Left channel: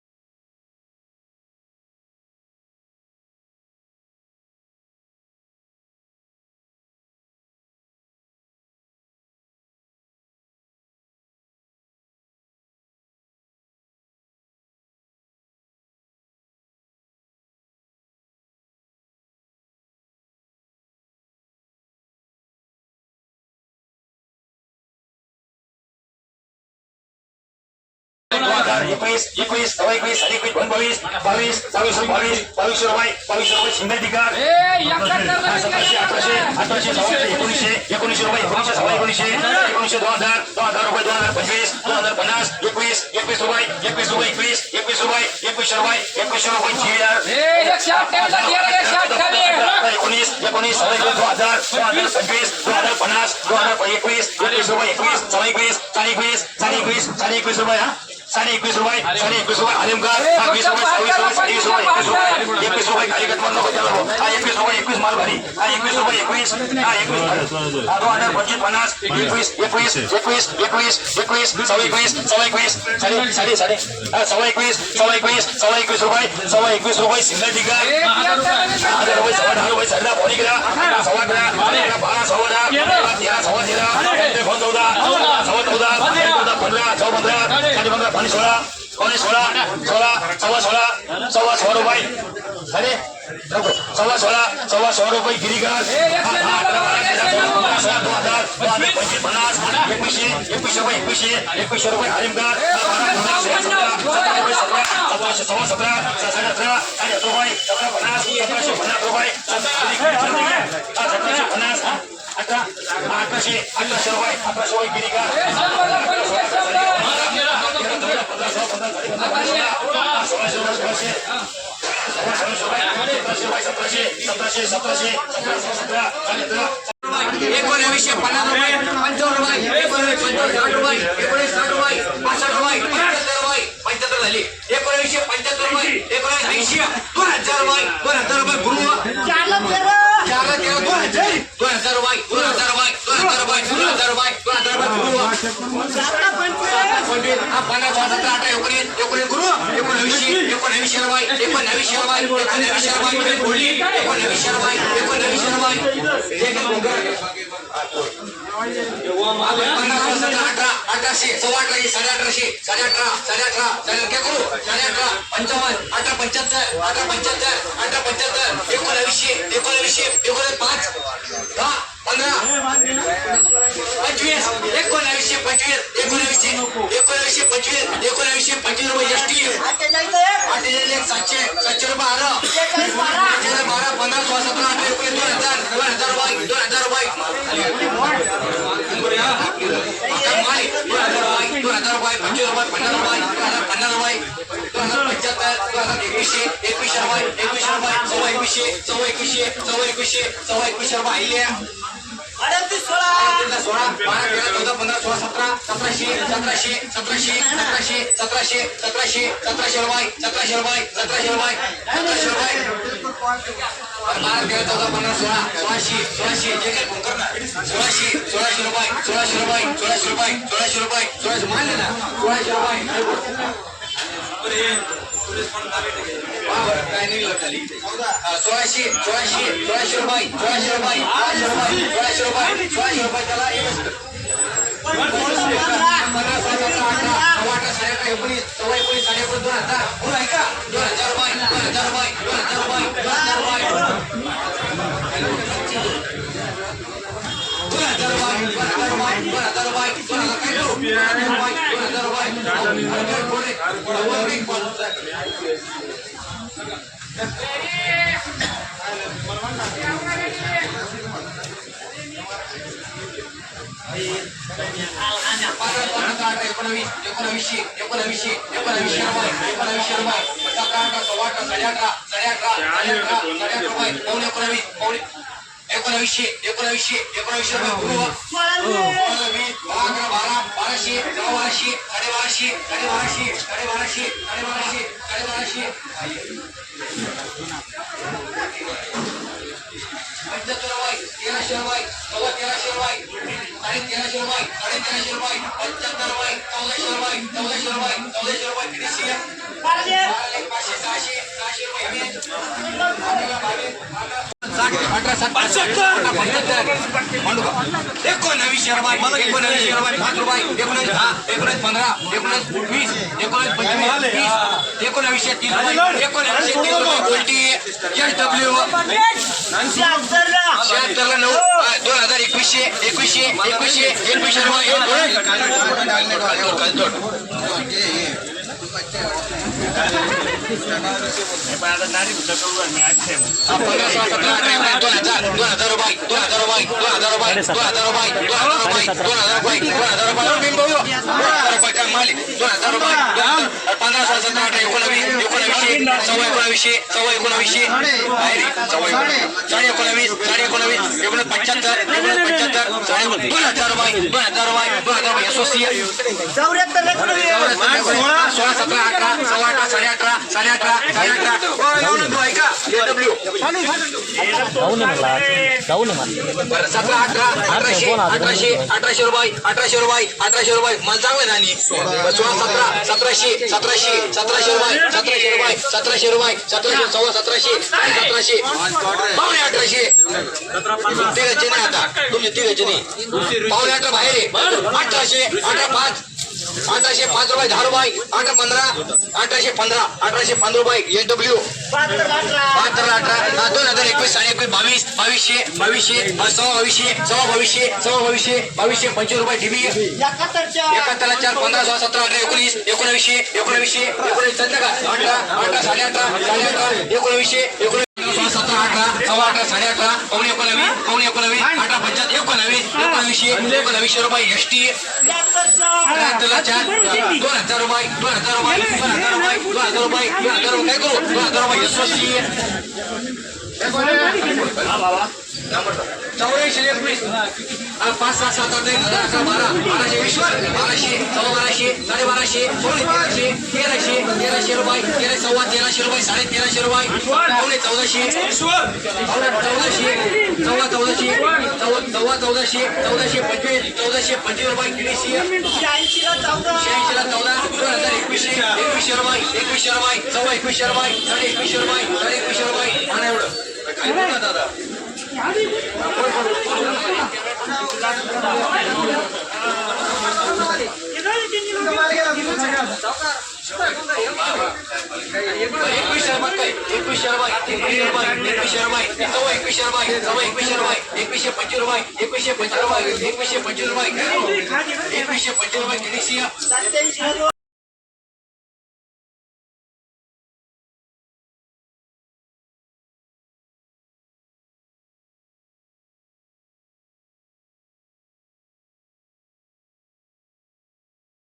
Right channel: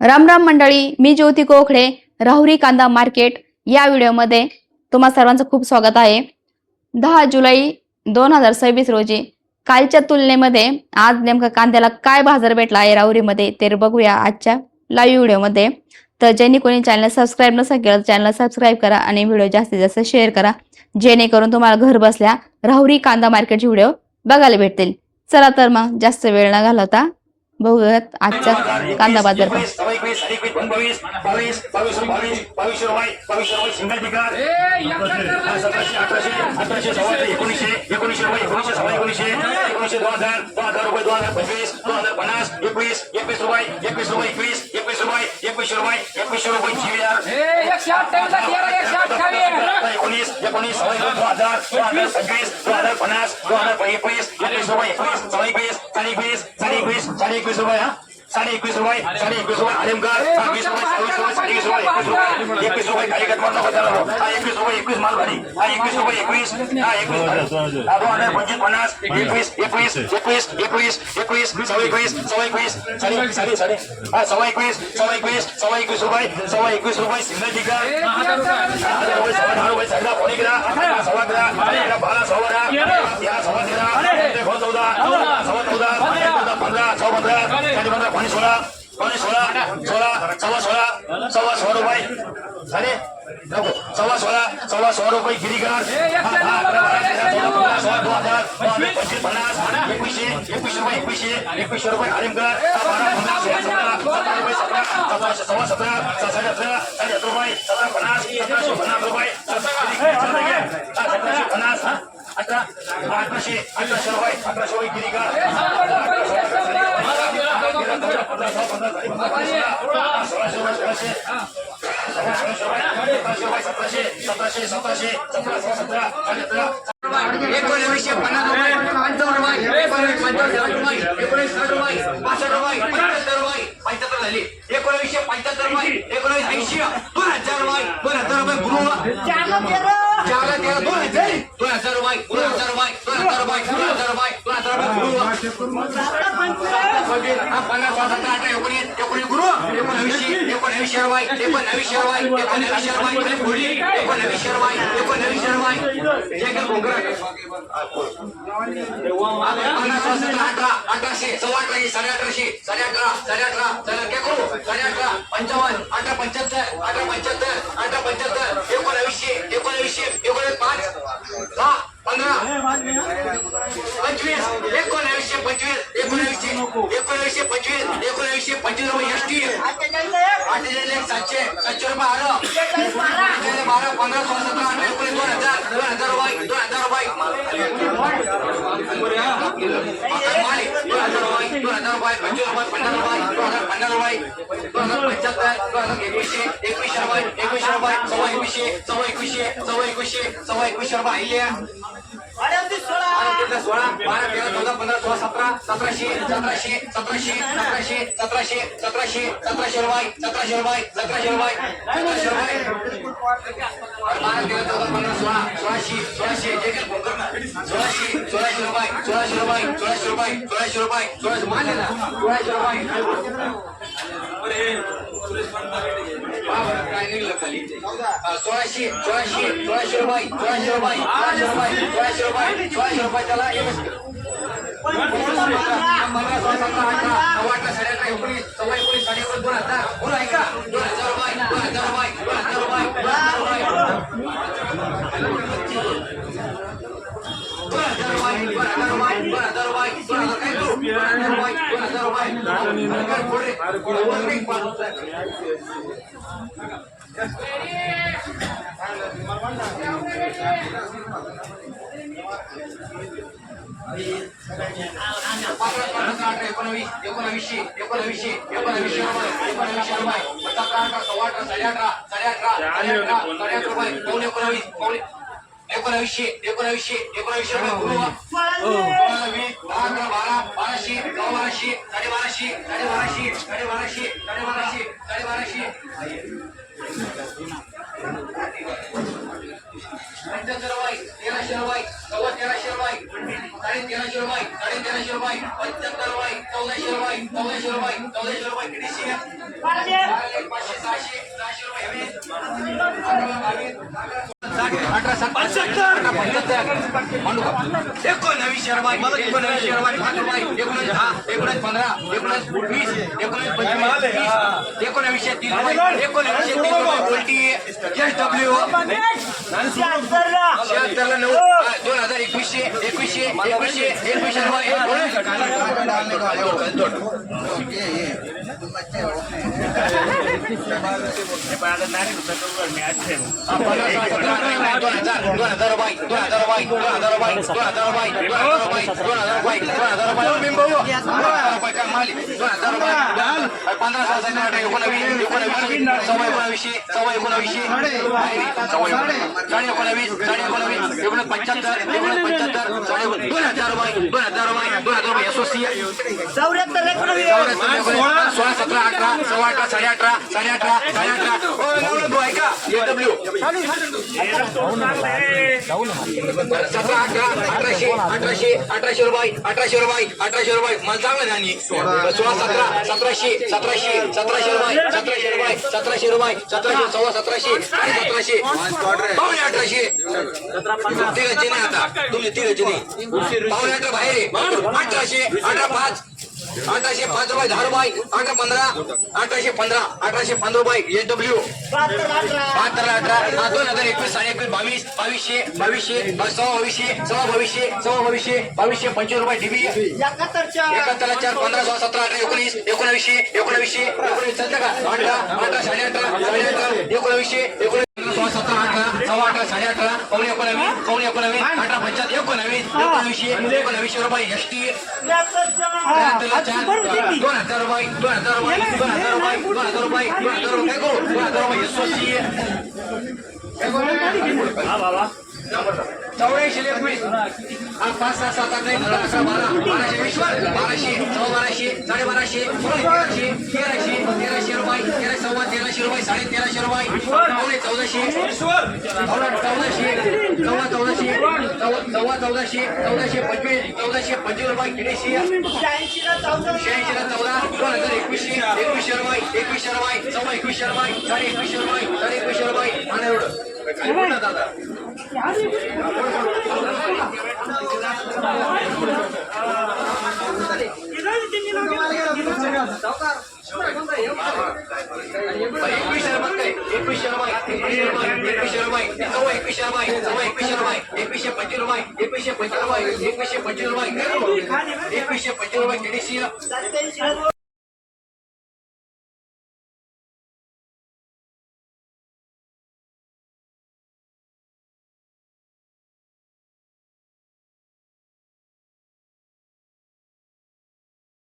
राम राम मंडळी, मी ज्योती कोखडे, राहुरी कांदा मार्केट या व्हिडिओमध्ये तुम्हा सर्वांचं खूप स्वागत आहे। 10 जुलै 2026 रोजी कालच्या तुलनेमध्ये आज नेमका कांद्याला काय बाजार भेटला आहे राहुरीमध्ये ते बघूया आजच्या लाईव्ह व्हिडिओमध्ये। तर ज्यांनी कोणी चॅनल सबस्क्राइब नसेल केलं चॅनल सबस्क्राइब करा आणि व्हिडिओ जास्तीत जास्त शेअर करा, जेणेकरून तुम्हाला घर बसल्या राहुरी कांदा मार्केटचे व्हिडिओ बघायला भेटतील। चला तर मग जास्त वेळ न घालवता बघूयात आजचा कांदा बाजार। सव्वा रुपये गिरीगार एकवीसशे रुपये आलिमगार सव्वा 17 साडे 18 रुपये 1750 रुपये 1750 1800 रुपये 1800 रुपये गिरीगार 1300 रुपये 1400 रुपये 1400 रुपये 1400 रुपये 1400 रुपये एकोणवीसशे रुपये 5 रुपये 19 10 19 15 19 20 19 25 एकोणवीसशे 30 रुपये 29 SW 76 9 2021 रुपये मला चांगलं नाही 1700 रुपये 1700 रुपये 1700 पावणे 1800 तिघाचे नाही आता तुमचे तिघाचे नाही पावणे 18 बाहेर आहे 1800 18 5 रुपये 10 रुपये 18 15 1815 रुपये SW 2021 22 2200 25 रुपये DB 71 4 15 16 17 18 19 18 पावणे 19 18 19 रुपये ST 2000 रुपये 2000 रुपये SOC 84 21 5 6 7 8 9 10 11 12 1220 1200 1200 1300 रुपये 1300 रुपये 1300 रुपये पावणे 1400 1425 रुपये किडीशी 86 ला 14 2021 रुपये 21 रुपये 21 रुपये आणि एवढं काय बोलता दादा ₹21